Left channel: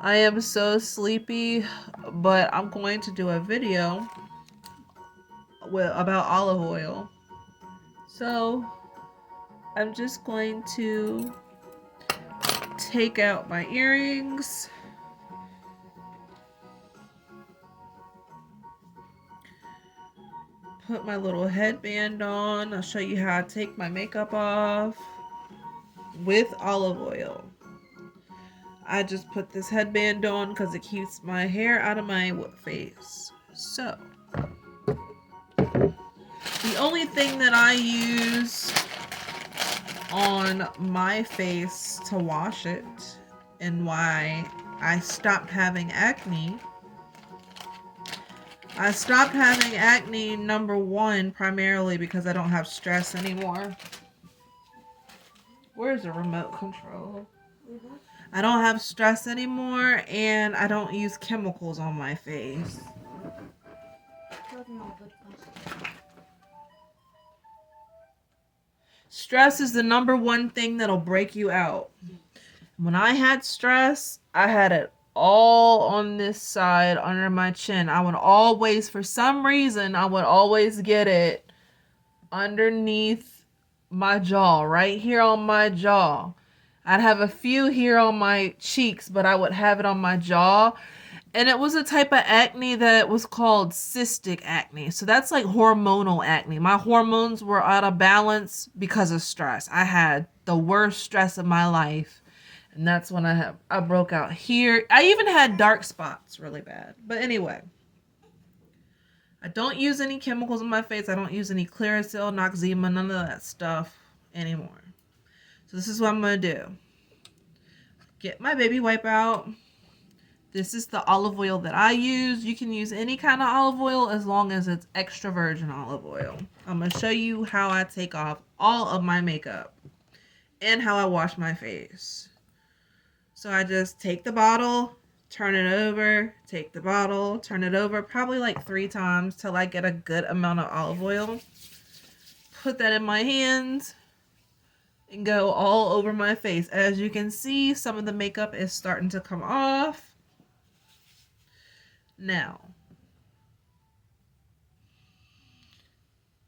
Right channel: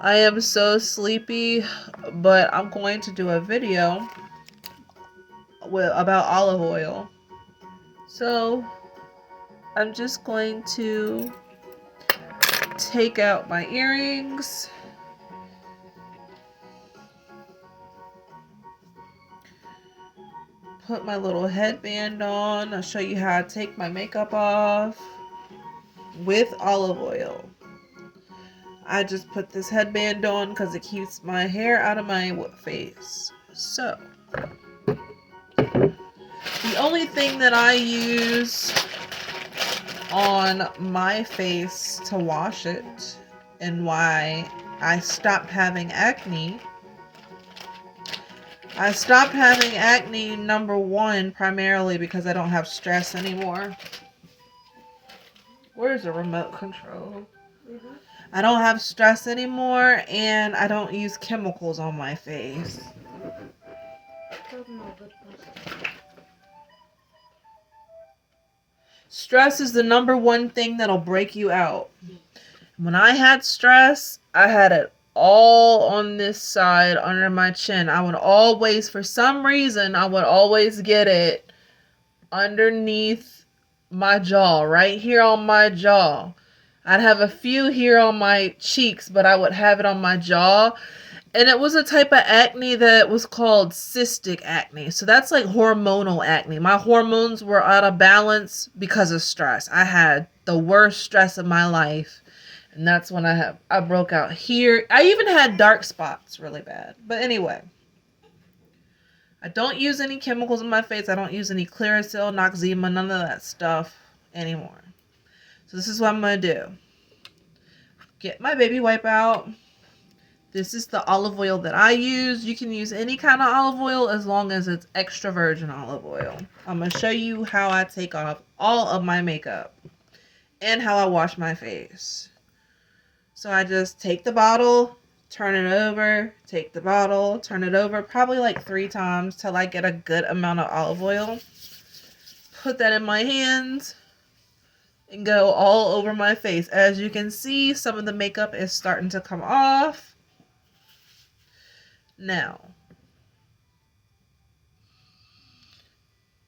I am so sleepy, but I'm going to do a video about olive oil. So I'm just going to take out my earrings. Put my little headband on. I'll show you how I take my makeup off with olive oil. I just put this headband on because it keeps my hair out of my face. So, the only thing that I use on my face to wash it and why I stopped having acne. I stopped having acne, number one, primarily because I don't have stress anymore. Where's the remote control? I don't have stress anymore, and I don't use chemicals on my face. Stress is the number one thing that'll break you out. When I had stress, I had it all on this side under my chin. I would always, for some reason, I would always get it underneath my jaw, right here on my jaw. I'd have a few here on my cheeks, but I would have it on my jaw. And it was a type of acne that was called cystic acne. So that's like hormonal acne. My hormones were out of balance because of stress. I had the worst stress of my life. And that's when I broke out here. I even had dark spots really bad. But anyway, I don't use any chemicals in my face. I don't use any Clearasil, Noxzema, none of that stuff anymore. So this is what I'm going to do. Get my baby wipe out. This is the olive oil that I use. You can use any kind of olive oil as long as it's extra virgin olive oil. I'm going to show you how I take off all of my makeup and how I wash my face. So I just take the bottle, turn it over, take the bottle, turn it over, probably like 3 times till I get a good amount of olive oil. Put that in my hands and go all over my face. As you can see, some of the makeup is starting to come off. Now,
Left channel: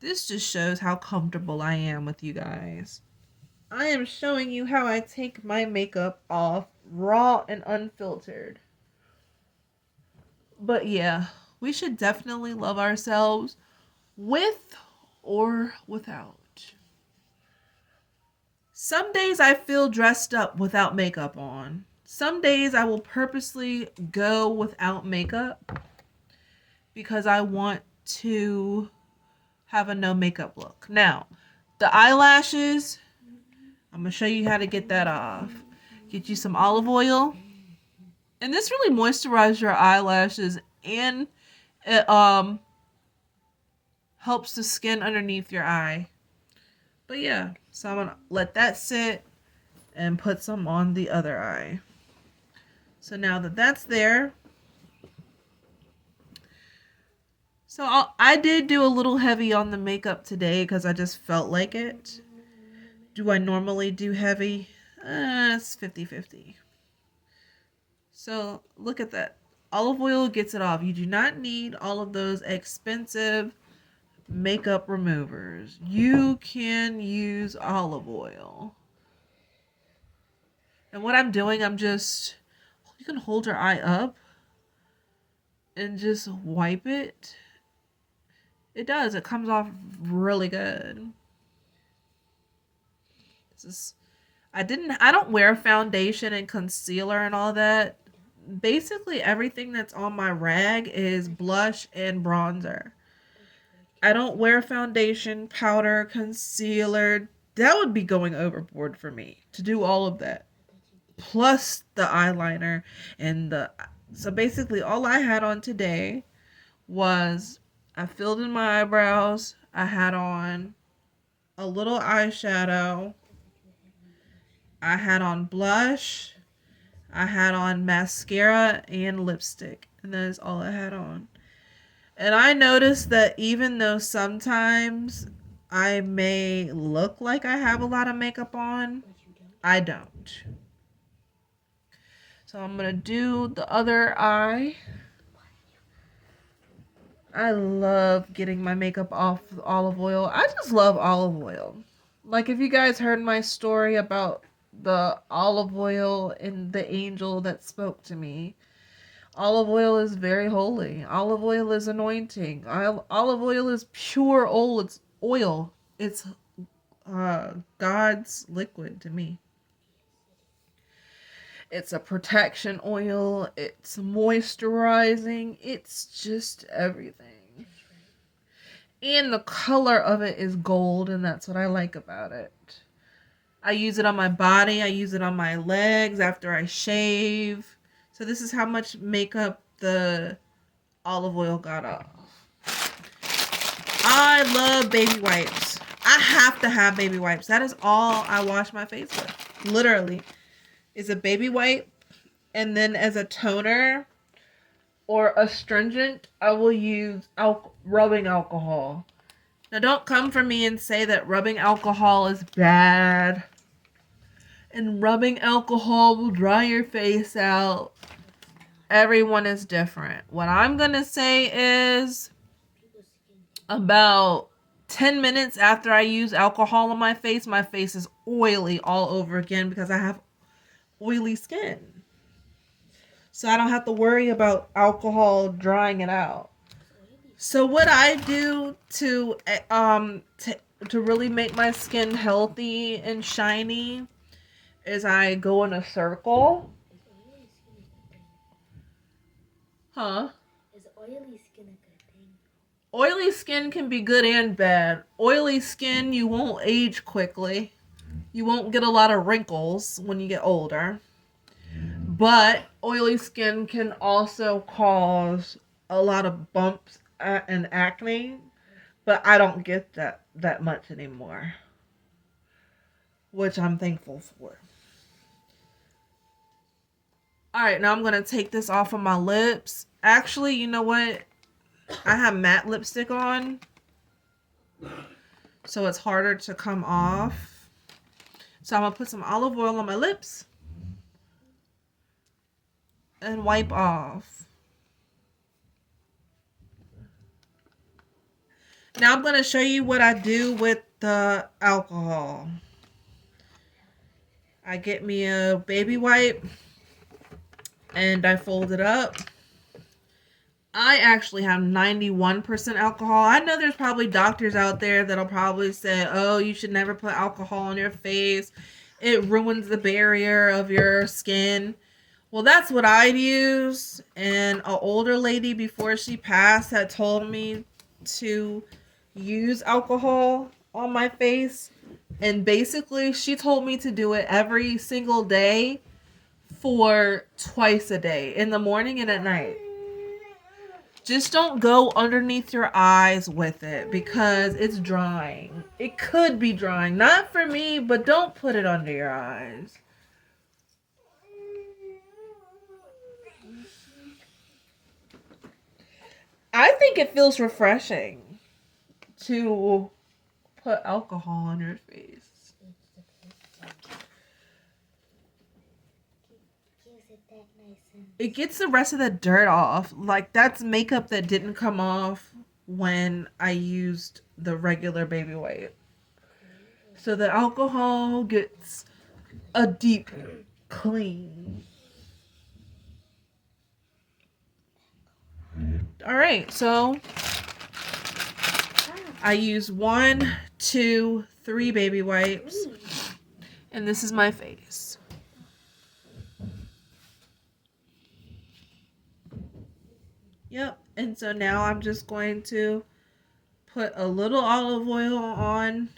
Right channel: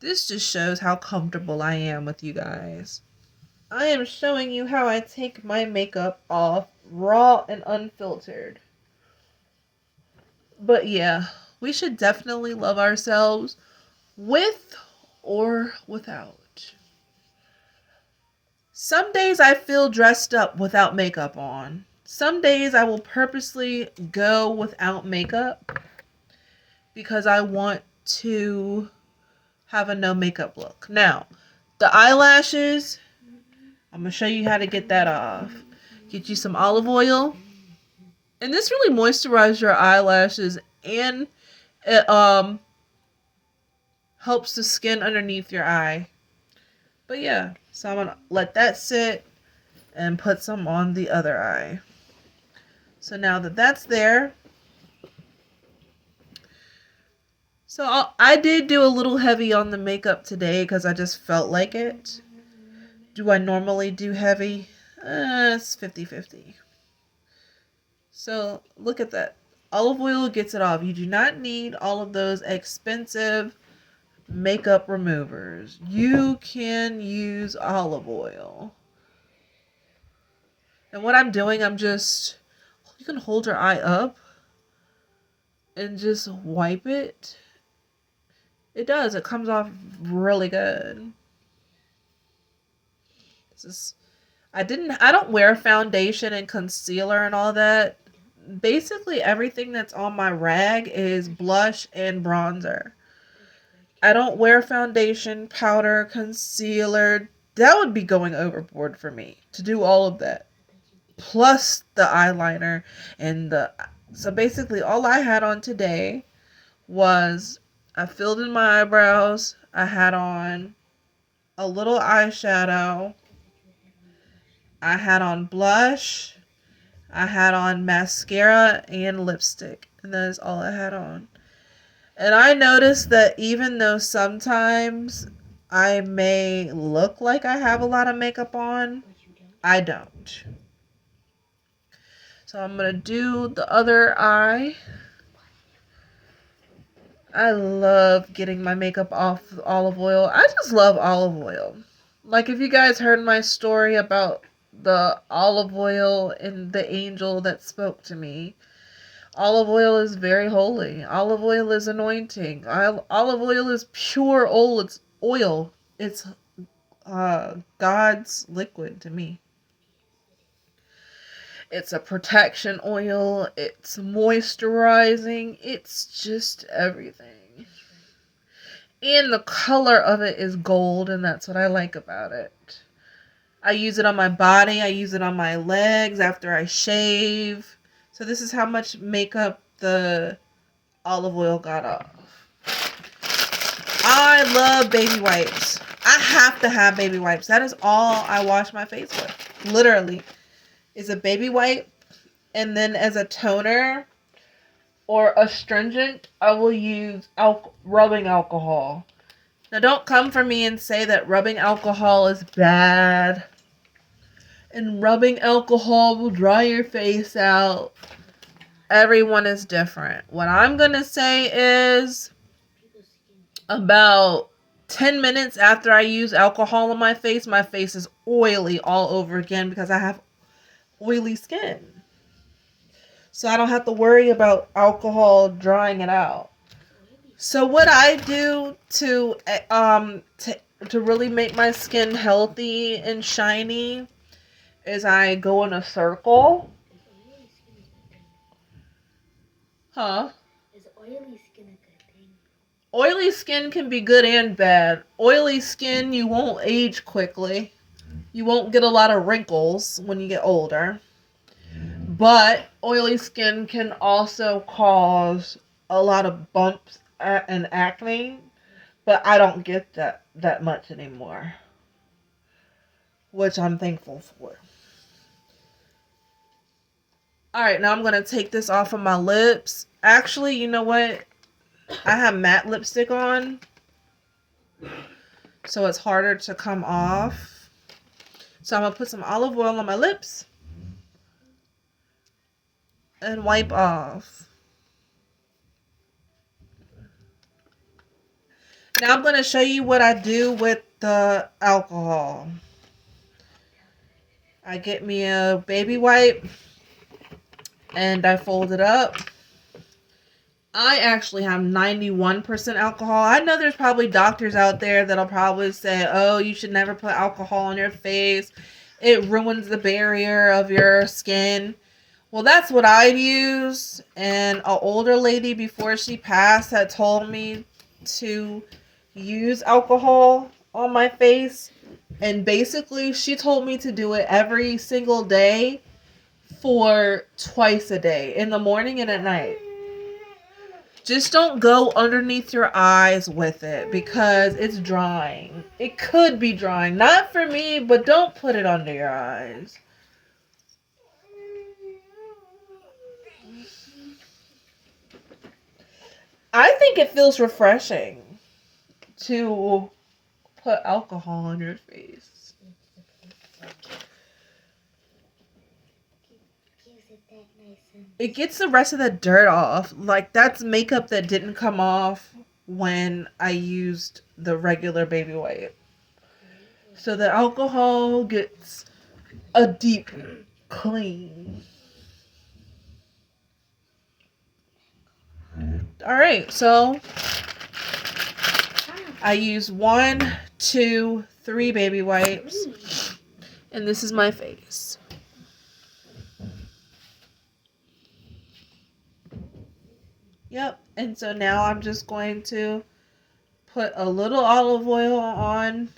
this just shows how comfortable I am with you guys. I am showing you how I take my makeup off raw and unfiltered. But yeah, we should definitely love ourselves with or without. Some days I feel dressed up without makeup on. Some days I will purposely go without makeup because I want to have a no makeup look. Now, the eyelashes, I'm going to show you how to get that off. Get you some olive oil. And this really moisturizes your eyelashes and it helps the skin underneath your eye. But yeah, so I'm going to let that sit and put some on the other eye. So now that that's there, so I did do a little heavy on the makeup today because I just felt like it. Do I normally do heavy? It's 50-50. So look at that. Olive oil gets it off. You do not need all of those expensive makeup removers. You can use olive oil. And what I'm doing, you can hold your eye up and just wipe it. It does. It comes off really good. I don't wear foundation and concealer and all that. Basically everything that's on my rag is blush and bronzer. I don't wear foundation, powder, concealer. That would be going overboard for me to do all of that. Plus the eyeliner so basically all I had on today was I filled in my eyebrows. I had on a little eyeshadow. I had on blush. I had on mascara and lipstick. And that is all I had on. And I noticed that even though sometimes I may look like I have a lot of makeup on, I don't. So I'm going to do the other eye. I love getting my makeup off with olive oil. I just love olive oil. Like, if you guys heard my story about the olive oil and the angel that spoke to me, olive oil is very holy. Olive oil is anointing. Olive oil is pure oil. It's oil. It's God's liquid to me. It's a protection oil. It's moisturizing. It's just everything. And the color of it is gold, and that's what I like about it. I use it on my body. I use it on my legs after I shave. So this is how much makeup the olive oil got off. I love baby wipes. I have to have baby wipes. That is all I wash my face with. Literally. Is a baby wipe. And then as a toner or astringent, I will use rubbing alcohol. Now don't come for me and say that rubbing alcohol is bad. And rubbing alcohol will dry your face out. Everyone is different. What I'm going to say is about 10 minutes after I use alcohol on my face is oily all over again because I have oily skin. So I don't have to worry about alcohol drying it out. So what I do to really make my skin healthy and shiny is I go in a circle. Huh? Is oily skin a good thing? Oily skin can be good and bad. Oily skin, you won't age quickly. You won't get a lot of wrinkles when you get older. But oily skin can also cause a lot of bumps and acne. But I don't get that much anymore, which I'm thankful for. Alright, now I'm going to take this off of my lips. Actually, you know what? I have matte lipstick on, so it's harder to come off. So I'm going to put some olive oil on my lips and wipe off. Now I'm going to show you what I do with the alcohol. I get me a baby wipe and I fold it up. I actually have 91% alcohol. I know there's probably doctors out there that'll probably say, oh, you should never put alcohol on your face. It ruins the barrier of your skin. Well, that's what I use. And an older lady before she passed had told me to use alcohol on my face. And basically, she told me to do it every single day for twice a day, in the morning and at night. Just don't go underneath your eyes with it because it's drying. It could be drying. Not for me, but don't put it under your eyes. I think it feels refreshing to put alcohol on your face. It gets the rest of the dirt off. Like, that's makeup that didn't come off when I used the regular baby wipe. So the alcohol gets a deep clean. Alright, so I use 1, 2, 3 baby wipes. And this is my face. Yep, and so now I'm just going to put a little olive oil on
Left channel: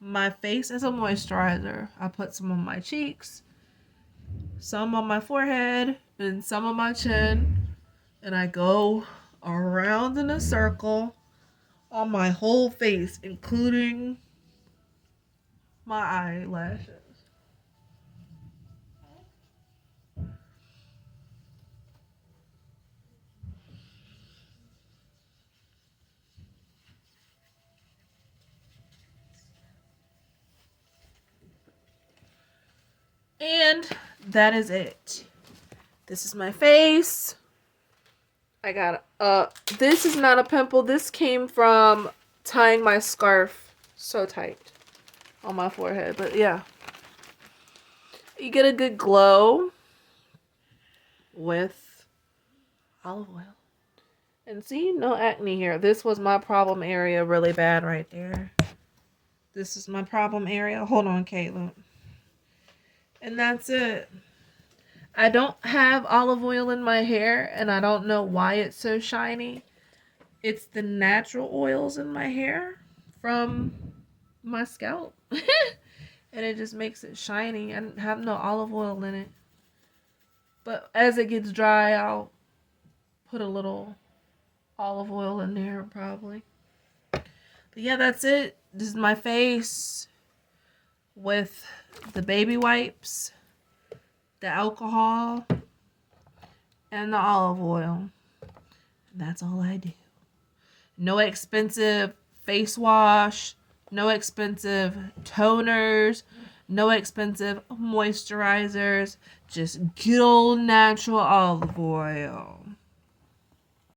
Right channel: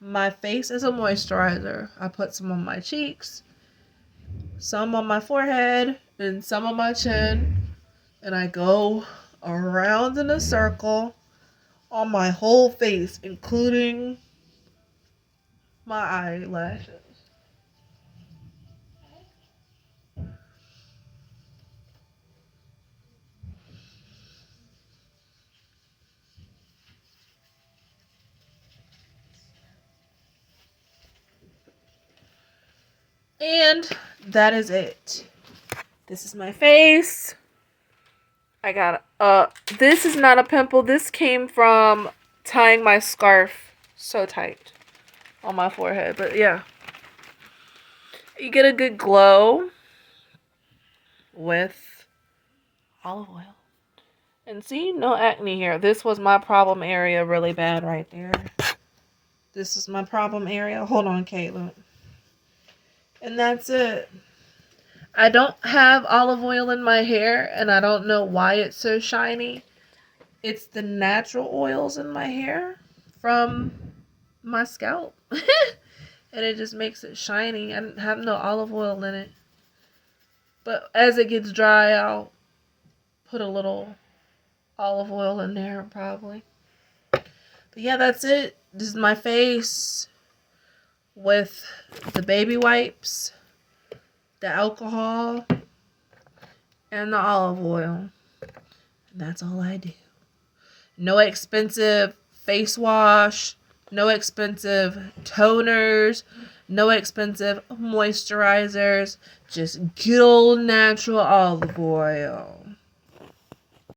my face as a moisturizer. I put some on my cheeks, some on my forehead, and some on my chin. And I go around in a circle on my whole face, including my eyelashes. And that is it. This is my face. I got this is not a pimple. This came from tying my scarf so tight on my forehead. But yeah, you get a good glow with olive oil. And see, no acne here. This was my problem area really bad right there. This is my problem area. Hold on, Caitlin. And that's it. I don't have olive oil in my hair, and I don't know why it's so shiny. It's the natural oils in my hair from my scalp. And it just makes it shiny. I have no olive oil in it. But as it gets dry, I'll put a little olive oil in there probably. But yeah, that's it. This is my face with the baby wipes, the alcohol, and the olive oil. That's all I do. No expensive face wash, no expensive toners, no expensive moisturizers, just good old natural olive oil.